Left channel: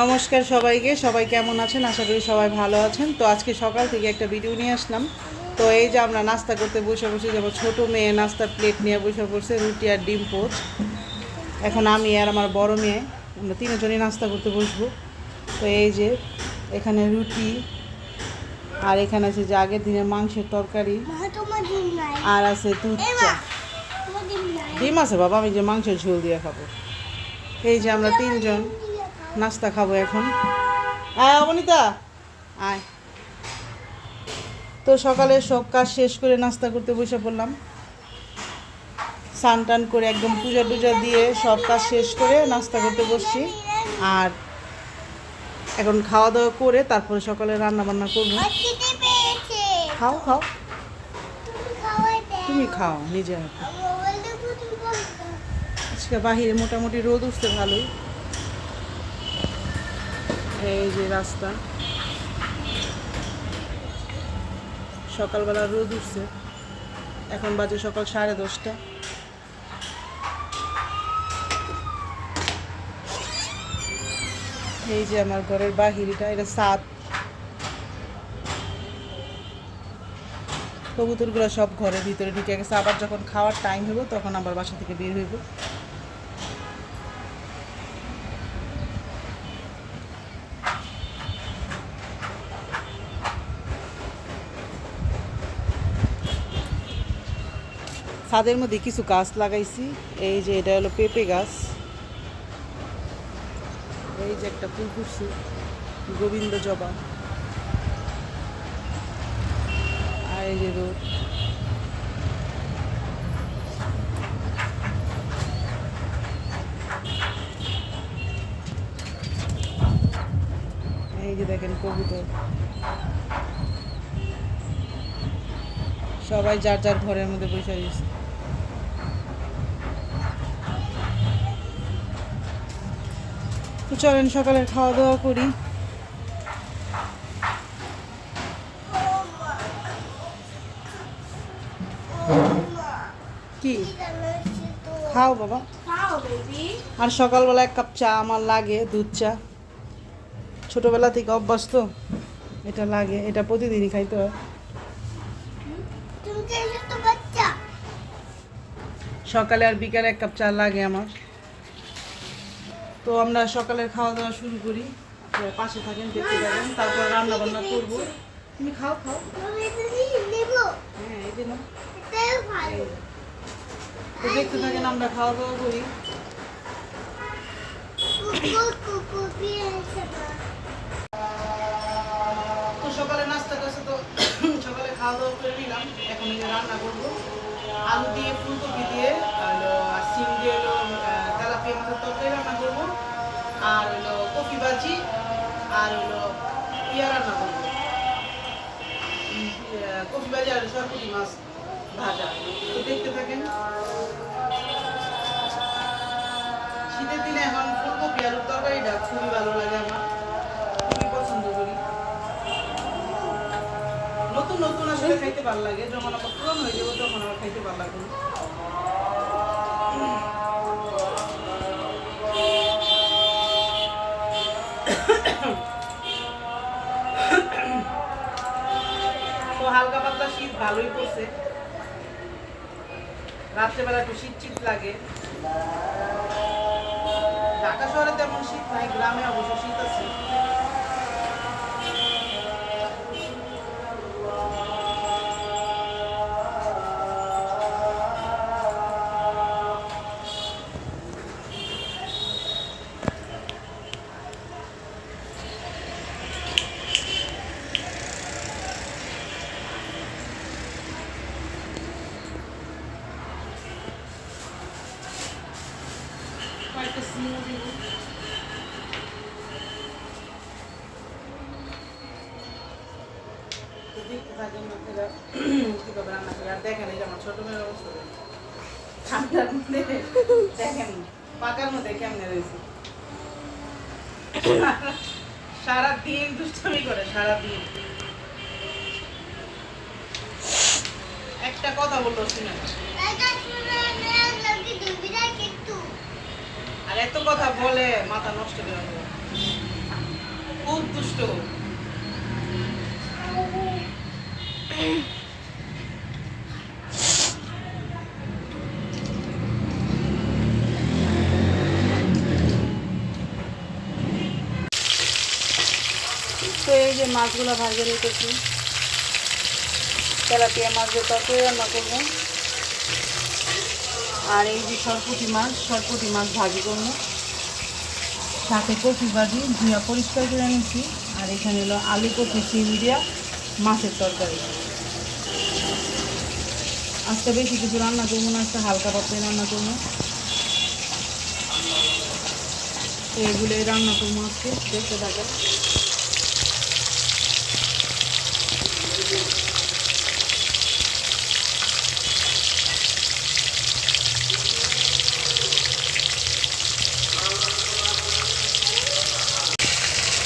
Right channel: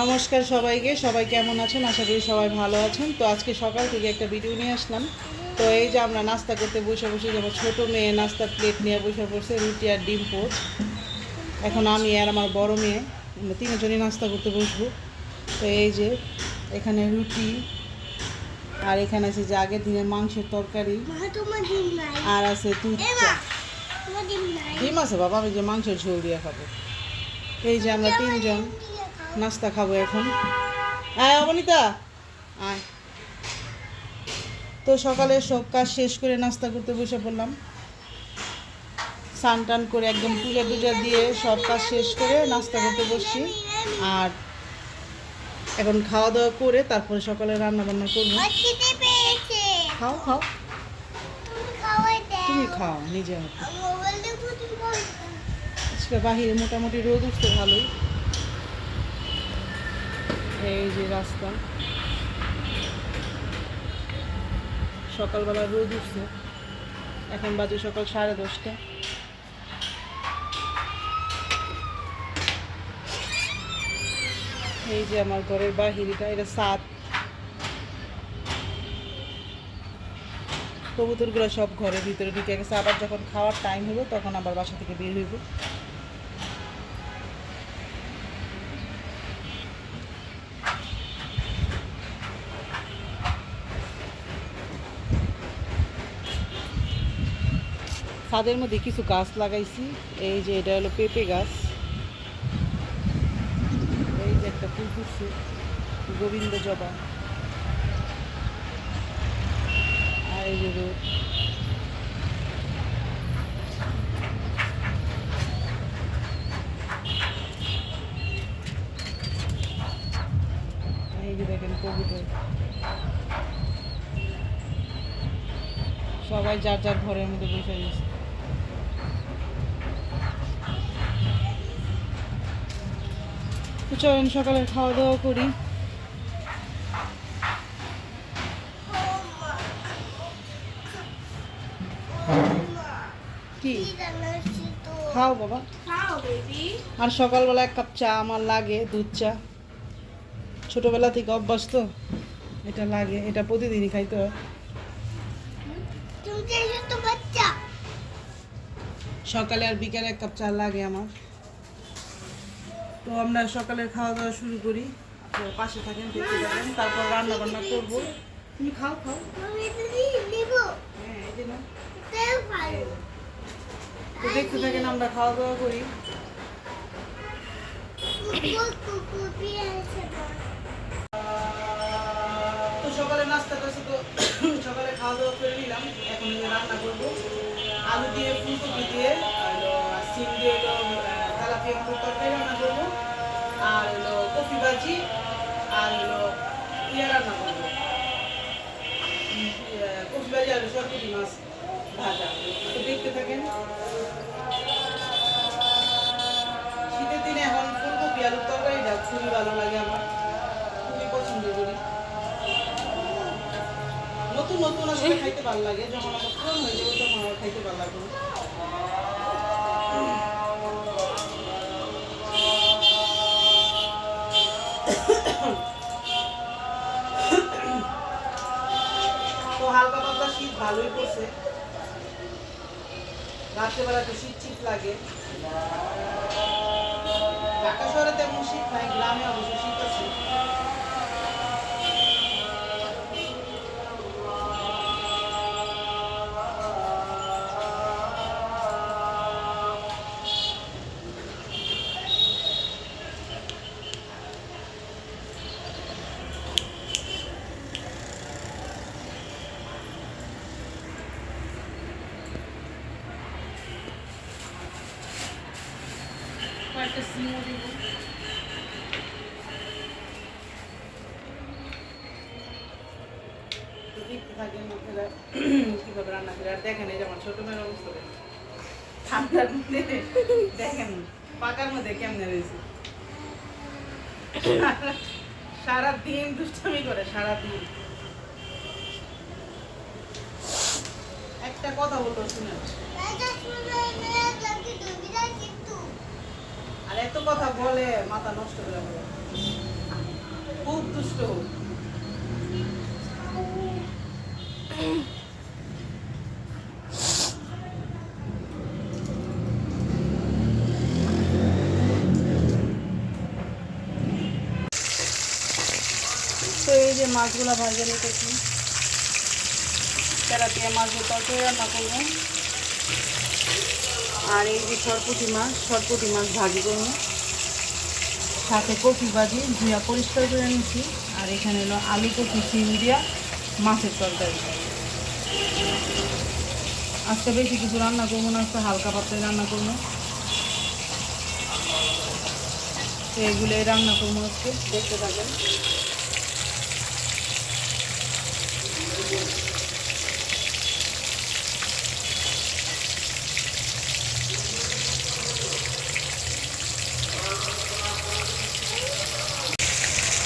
নমস্কার সবাইকে, সবাই কেমন আছেন? আশা করি সবাই ভালো আছেন। তো আজকে সকাল থেকে একটা ভিডিও নিয়ে আসলাম। তো এই যে আমরা নাস্তা করতে বসে যেমন ছোটো মেয়ে নাস্তার প্লেট নিয়ে বসে পড়ছে, রুটি আর ডিম পোচ। এখন আমি আর আমার বড় মেয়ে আমরা তিনজনই নাস্তা করতে বসবো। তো এই যে এখানে রুটি, আর এখানে আছে যে আগের দিনের মাংসের তরকারি, আর আছে দুধ চা। ডিম আছে বাবা, আমি যে মাংসের ঝোল দিয়ে খাবো। এই যে আমরা তিনজন নাস্তা খাবো এখন। আয় অবনীতা, আয়। তো সকালে সব কাজ শেষ করে নাস্তা করতে বসে পড়লাম। স্নান টান করে একদম পূজা টুজা দিয়ে সব কাজ শেষ করে নাস্তা করতে বসছি। আর এখন খাওয়া দাওয়া করে তারপরে সকালে রান্না বান্না করবো। খাও খাও, তুমি খাও নিজে হাতে। আজকে বাহিরে মোটামুটি রোদ উঠছে ভালোই। এই যে রাস্তা, সকালবেলা রোদ উঠছে। এখন বাজে সকাল 10:30। এই যে আমার ঘরের বাহিরটা, এটা ছাদ। কবুতরগুলো সব ঘরের ভিতরে ঢুকে গেছে। আবার যখন খাওয়ার টাইম হইব তখন আবার বাসা থেকে বের হইব। ছাদের মধ্যে কিছু গাছ লাগাইছি। এই যে এটা হলো পেঁপে গাছ। এই যে একটা ফুল ফুটছে, গোবিন্দ জবা। আর এই যে রোদ। এই যে দেখেন কবুতর সবাই যার যার ঘরের মধ্যে বসে গেছে। তো চলেন সকালের খাওয়া দাওয়া করি। কি খাও বাবা? আর সকালবেলা 1 কাপ চা আমার লাগে, দুধ চা। ছোটবেলা থেকে অভ্যাস তো, এটা লাগে, এটা প্রতিদিনই খাইতে হয়। সকালে আর বিকালে 1 কাপ চা লাগে আমার। তো আমরা সকালের খাওয়া দাওয়া শুরু করি। আপনারা পাশে থাকেন, দেখতে থাকেন, তারপর রান্না বান্না করবো। তুমি খাও খাও। হ্যাঁ এই যে না, তো দেখতে থাকেন, আমরা খাওয়া দাওয়া করি। তো সকালে নাস্তা করছে, তো সকালে খাওয়া দাওয়া করে নিলাম। এখন এই যে রান্না করবো আলু দিয়ে, ফুলকপি দিয়ে, আর সিম দিয়ে হলো তেলাপিয়া মাছের তরকারি রান্না করবো। আর হলো কফি ভাজি, আর হলো রান্না করবো, কফি ভাজি আর সরপুরি মাছ ভাজা। তো দেখতে থাকেন। শীতের দিনে এখন ফুলকপি আলুর তরকারিটা খুবই ভালো লাগে, আমার খুবই পছন্দ করি। নতুন নতুন আসলে খাইতে ভালো লাগে, যখন আবার পুরনো হয়ে যাবো তখন আবার খাইতে ভালো লাগবে না। তো হালকা পাতলা শীত ভালোই পড়ছে। রাত্রেবেলা একটু শীত শীত লাগে। ঢাকা শহরে তেমন শীত নাই, গ্রামে অবশ্য শীত আছে। কয়েকটা সিমও দিব। তো দেখতে থাকেন লোকেরা কিভাবে রান্না করে। আর দেখেন এই যে আমার ছোট মেয়ের অবস্থা দেখেন, ঠান্ডার মধ্যে দেখেন পাকার মধ্যে কেমনে রয়েছে। সারাদিন দুষ্টামি করে, সারাদিন একটা কথা বললো শুনে না। আর এত কথা বলে মাথা নষ্ট করে দেবে, খুব দুষ্ট। তো এই যে মাছগুলো ভাজে রেখেছি, তেলাপিয়া মাছের তরকারি রান্না করবো। আর এই যে সরপুঁটি মাছ ভাজি করবো, সাথে কপি ভাজি ধুয়া পরিষ্কার করে নিচ্ছি। আর এখানে হলো আলু কপি সিম দিয়া মাছের তরকারি। আজকে বেশি কিছু রান্না করবো না, আজকে হালকা পাতলাই রান্না করবো। তো এগুলোই রান্না করবো আজকে, দেখতে থাকেন।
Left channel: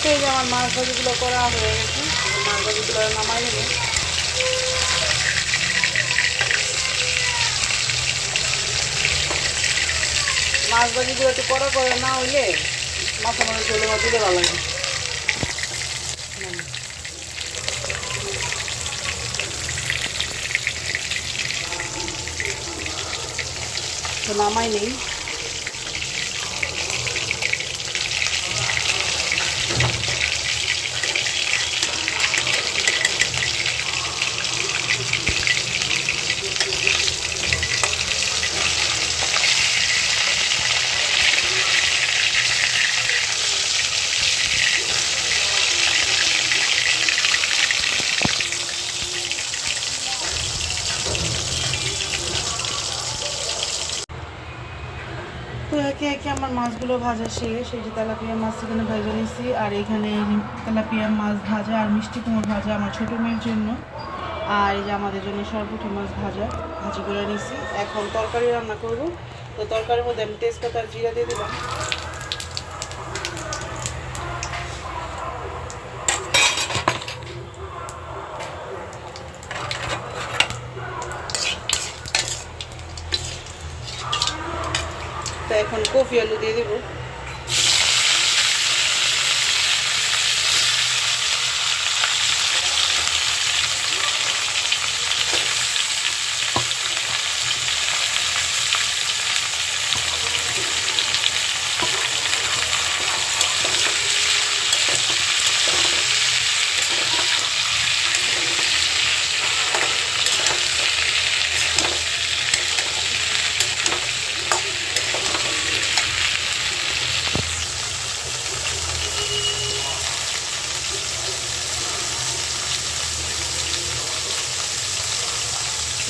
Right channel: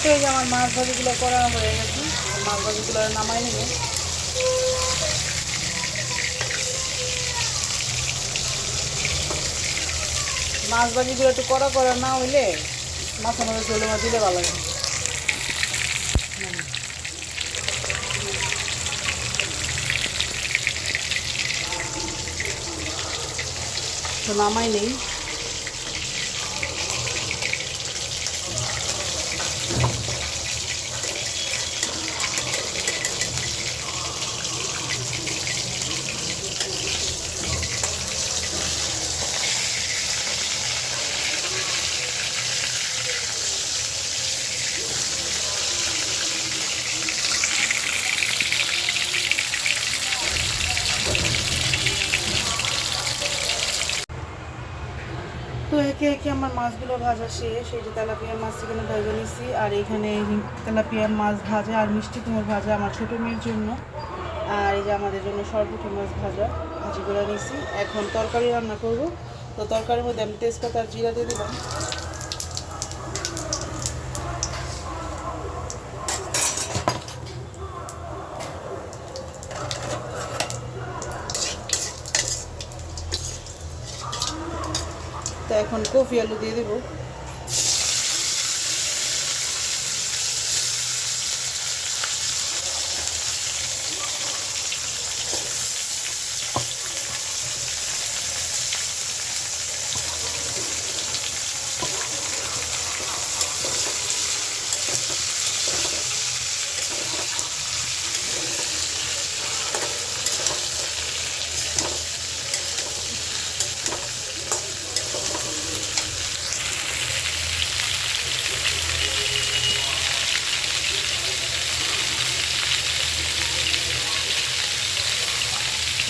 তো এই যে আমার মাছ ভাজিগুলো করা হয়ে গেছে, মাছ ভাজিগুলো নামাই নেবে। মাছ ভাজিগুলো একটু করা না হইলে মাথা মাথা ঝোলে মাছ দিলে ভালো লাগে। তো নামাই নেই। তো একে একে আমার মাছগুলো ভাজা শেষ। এই যে তেলাপিয়া মাছ এখানে ভাজা নিচ্ছি, আর এখানে এই তেলাপিয়া মাছ ভাজা আর মিষ্টি কুমড় ভাজা আমার ছোটো মেয়ের জন্য, আর এই যে আমাদের জন্য সরপুঁটি মাছ ভাজি করে নিচ্ছি। এখন তরকারি রান্না করব। তো তরকারির মধ্যে আমি তেজপাতা আর জিরা দিয়ে দিলাম। তো এখন কফি আলু দিয়ে দেবো।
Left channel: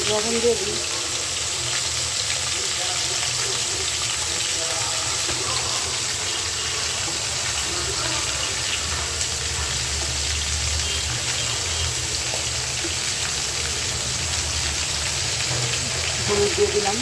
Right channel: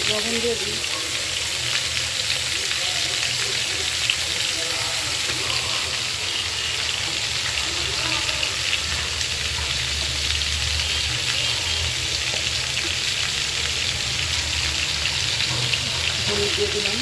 লবণ দিয়ে দিই। হলুদ দিয়ে দিলাম।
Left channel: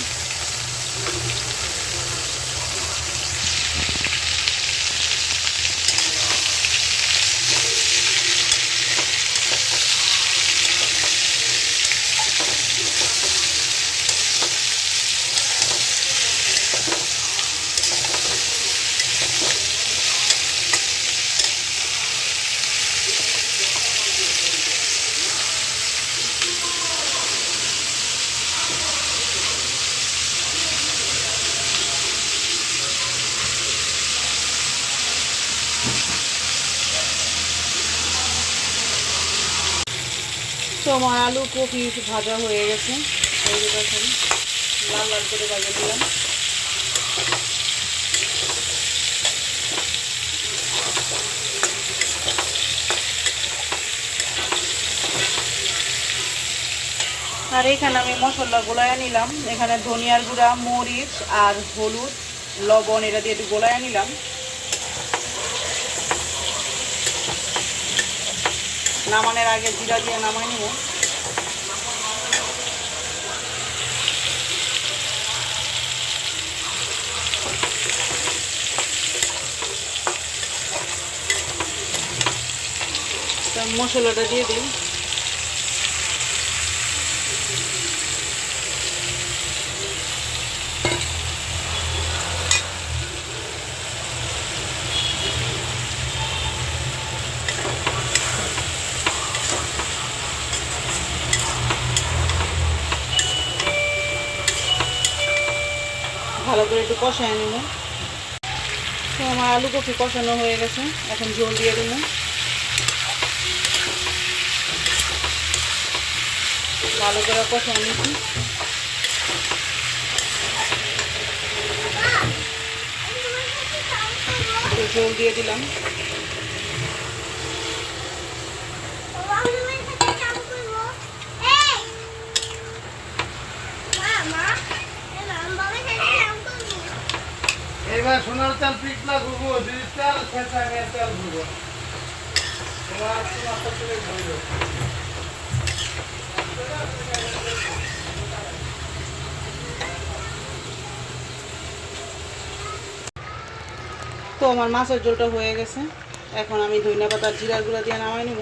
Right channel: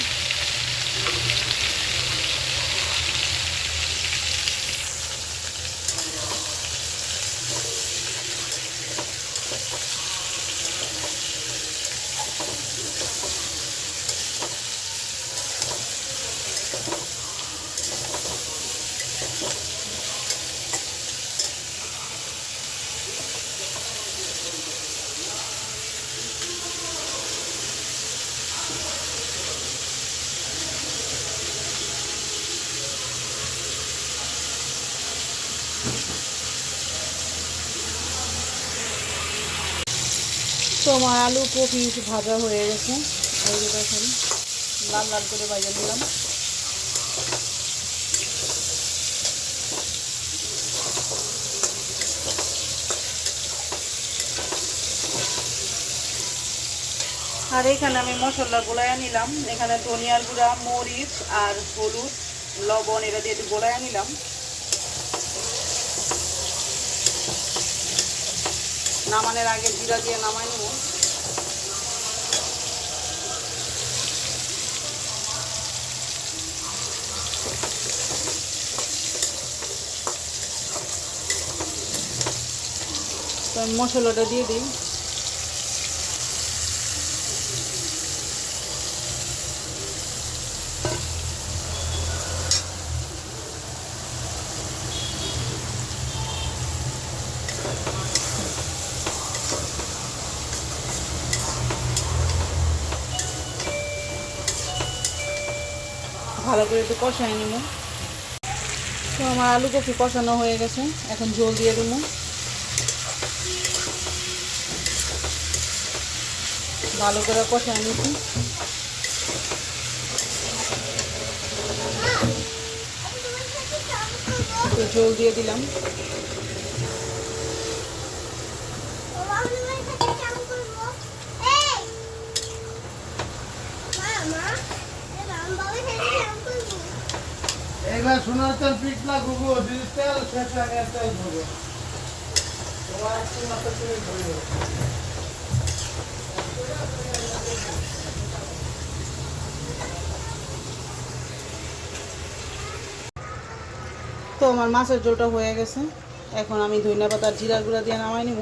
তো আমার আলু কপি ভাজা হয়ে গেছে, এই যে দেখেন লাল লাল করে ভাজা নিলাম। আর এখানে আমি মশলা গোলায় নিলাম। এখানে ধনিয়ার গুঁড়া, মরিচ আর হলুদ, লবণ এটা দিয়ে একটু গোলায় নিলাম। নামানোর আগে জিরা দিয়ে নামাই নিব। মশলাটা দিয়ে দিই। ভালো করে একটু কষায় নিব। তো আমার আলু কপি কষানো হয়ে গেছে, এখন ঝোল দিয়ে দেবো। ভালো করে কষায় নিচ্ছি। ঝোল দিয়ে দিলাম। এবার সোনার চাল পিছলা ঘুরবো, ডিজিটাল খেসানিয়া চাল ঘুরবো। এবার তোমার তো চলে ঘুরবো। তো আমার মাছের ঝোলটা হয়ে গেছে, এখন আমি ধনিয়া পাতা জিরার গুঁড়া দিয়ে নামাই নেব।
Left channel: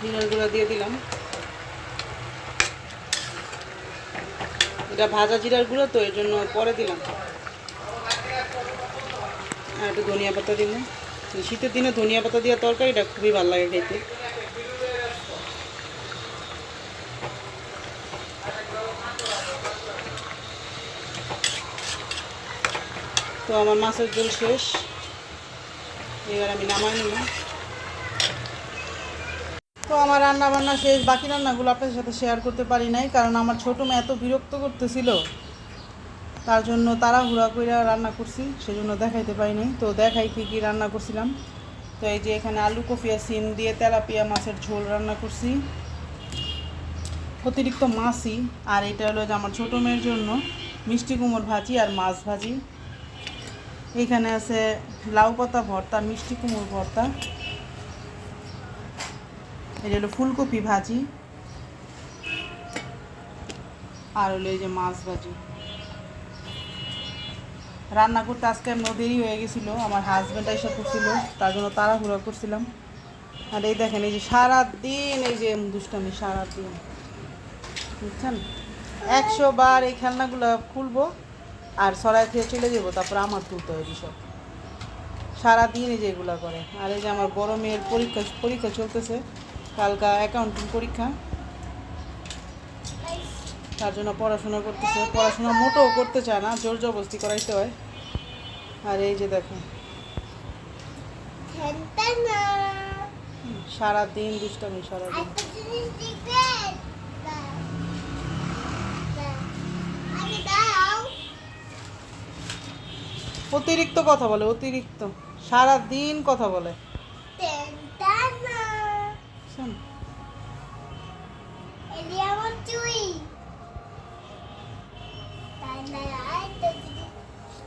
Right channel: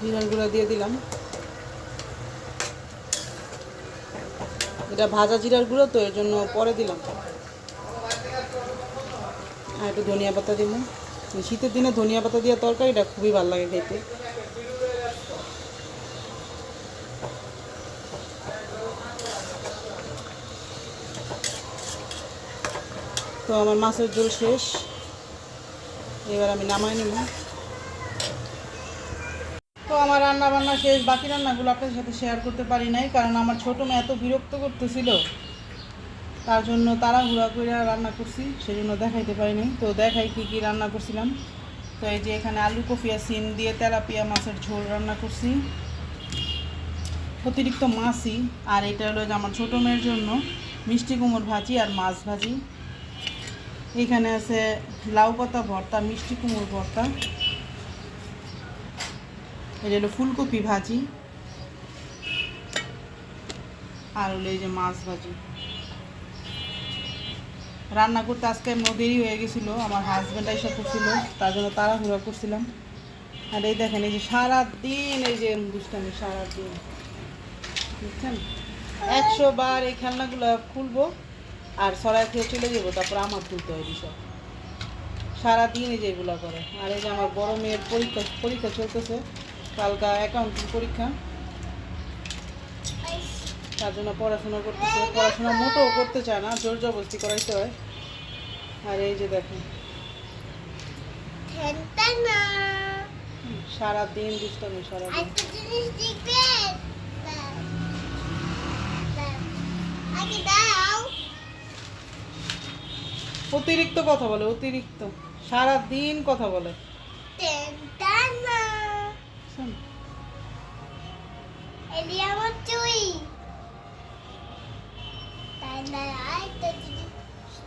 জিরার গুঁড়া দিয়ে দিলাম। এটা ভাজা জিরার গুঁড়ো তো এই জন্য পরে দিলাম। আর একটু ধনিয়া পাতা দিব। শীতের দিনে ধনিয়া পাতা দিয়ে তরকারিটা খুবই ভালো লাগে খেতে। তো আমার মাছের ঝোল শেষ, এবার আমি নামাই নেব। তো আমার রান্না বান্না শেষ, বাকি রান্নাগুলো আপনাদের সাথে শেয়ার করতে পারি নাই, কারণ আমার ছোটো মেয়ে এত বিরক্ত করতেছিল, তার জন্য তাড়াহুড়া করে রান্না করছি, সেজন্য দেখাইতে পারি নাই। তো দেখাই কী কী রান্না করছিলাম। তো এই যে এখানে আলু কফি আর সিম দিয়ে তেলাপিয়া মাছের ঝোল রান্না করছি, অতিরিক্ত মাছই। আর এটা হলো যে আমার ছোটো মেয়ের জন্য মিষ্টি কুমড় ভাজি আর মাছ ভাজি। এখানে আছে লাউ পাতা ভর্তা, মিষ্টি কুমড় ভর্তা। এটা হলো ফুলকপি ভাজি, আর হলো এই যে মাছ ভাজি। রান্না করতে আজকে এমন দেরি হয়ে গেছিলো, আমার হাজব্যান্ড এসে করছিল, তার জন্য তাড়াহুড়া করছিলাম। আর এই দেখেন, এই যে সারাদিন এই যে দুষ্টামি, সারাদিন বুঝছেন, 100 বার এই খেলনাগুলো খুলবো আর সরাই খেয়ে চলে যাবো, তারপর আমার তুলতে হয় সব। সারাদিন এই যে এগুলো করে। আর এই যে আমার বড় মেয়ের পরীক্ষা চলতেছে, কালকা অ্যাকাউন্টিং পরীক্ষা, তার জন্য পড়াশোনা করতেছে। পড়াশোনা মোটেও করতে চায় না, জোর জবরদস্তি করাইতে হয়। আর এই যে দেখেন সারাদিন দুষ্টামি, সারাদিন। অতিরিক্ত কথা বলে, অতিরিক্ত সারাদিন কথা বলে।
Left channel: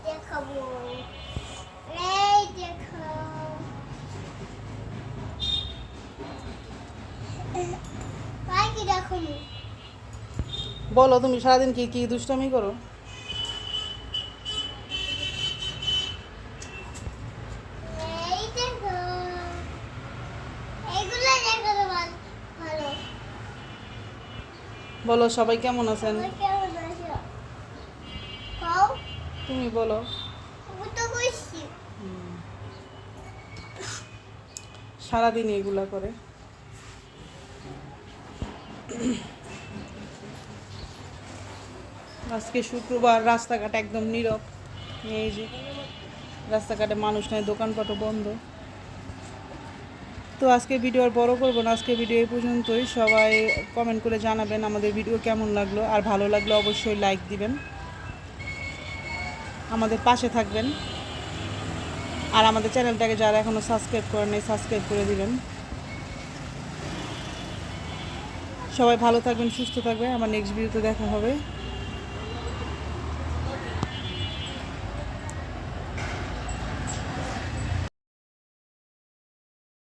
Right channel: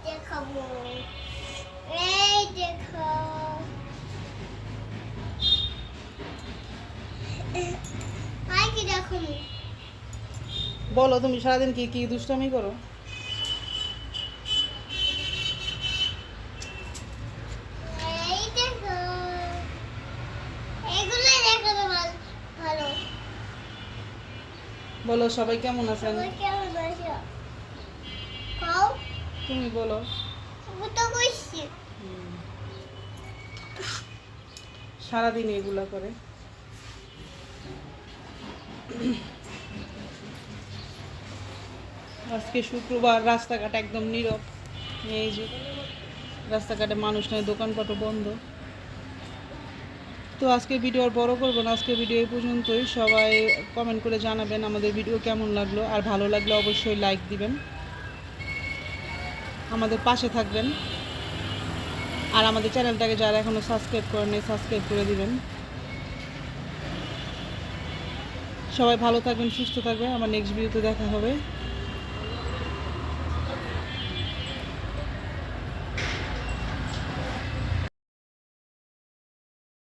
দেখাবো, এই দেখো, কি দেখো, বলো তুমি সারাদিন কি কি দুষ্টামি করো? এই দেখো, এগুলো দেখো ভালো। বলো সবাই কেমন আছেন? কেমন আছো? কও, তুমি বলো। তো কইছি সারাদিন এগুলা করে। আজকে শুক্রবার, রাস্তাঘাট একদম নীরব। এই যে রাস্তাঘাটে মানুষ নাই, দোকানপাটও বন্ধ। তো আজকে ভিডিও আর বড় করবো না, আজকে ভিডিও এই পর্যন্তই। সবাই কমেন্ট করে জানাবেন আমাদের ভিডিও কেমন লাগলো, আর ভালো লাগলে অবশ্যই লাইক দিবেন, আমাদের পাশে থাকবেন। আর আমাদের চ্যানেলটাকে যারা এখনও সাবস্ক্রাইব করেন নাই, সাবস্ক্রাইব করে দিবেন। সবাই ভালো থাকবেন, সুস্থ থাকবেন। আমার নেক্সট ভিডিওতে দেখা হবে।